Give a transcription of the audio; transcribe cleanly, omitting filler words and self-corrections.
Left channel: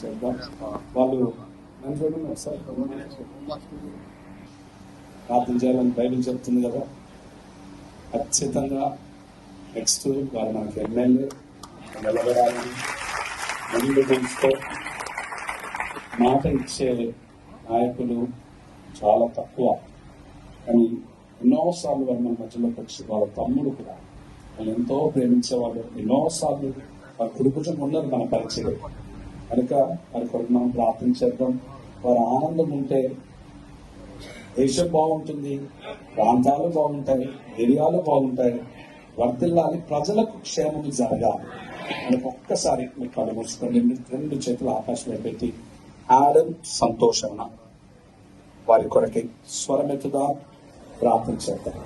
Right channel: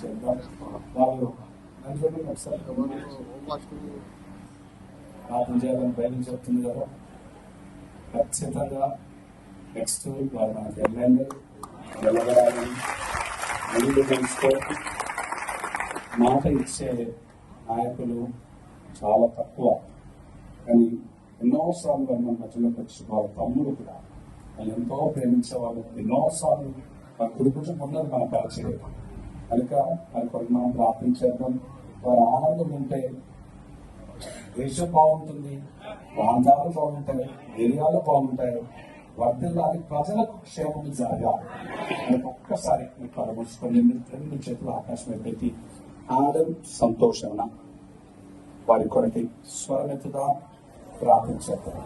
చేద్దాం. వాళ్ళు ప్రార్థన చేయాలని బయటకు చెప్తుంది కదా, ఖచ్చితంగా నెక్స్ట్ వాళ్ళు మనకి ఎమ్మెల్యే నిలబడాలని అన్ని తెలిస్తే మాట ఇచ్చేయాలి. నాయకులు చాలా తక్కువ, కానీ ఎన్నోసార్లు వాళ్ళు మన మధ్యలోకి వచ్చి వాళ్ళ తమ్ముడు కూడా వాళ్ళు ఎంతో ప్రేమించేవాళ్ళు. ఎన్నోసార్లు వాళ్ళ కుటుంబం ఉన్నది మన పరిచయం కనుక వాళ్ళకి మనం ప్రార్థన చేద్దాం. వారి ఆనందం ఉంటే దేశం బాగుంటుంది, ప్రాంతాలు బాగుంటాయి, ఏరియాలు బాగుంటాయి, వర్తిల్లాలి, ప్రజలకు క్షేమం జరగాలి. మీకు ఒక్కసారి మీకు కళ్ళు మూసుకొని రెండు చేతులు ఆకాశంలో పెట్టి ఆడన్ సంతోషణ వారి కొరకి స్వరమెత్తుగా ప్రార్థన చేద్దాం.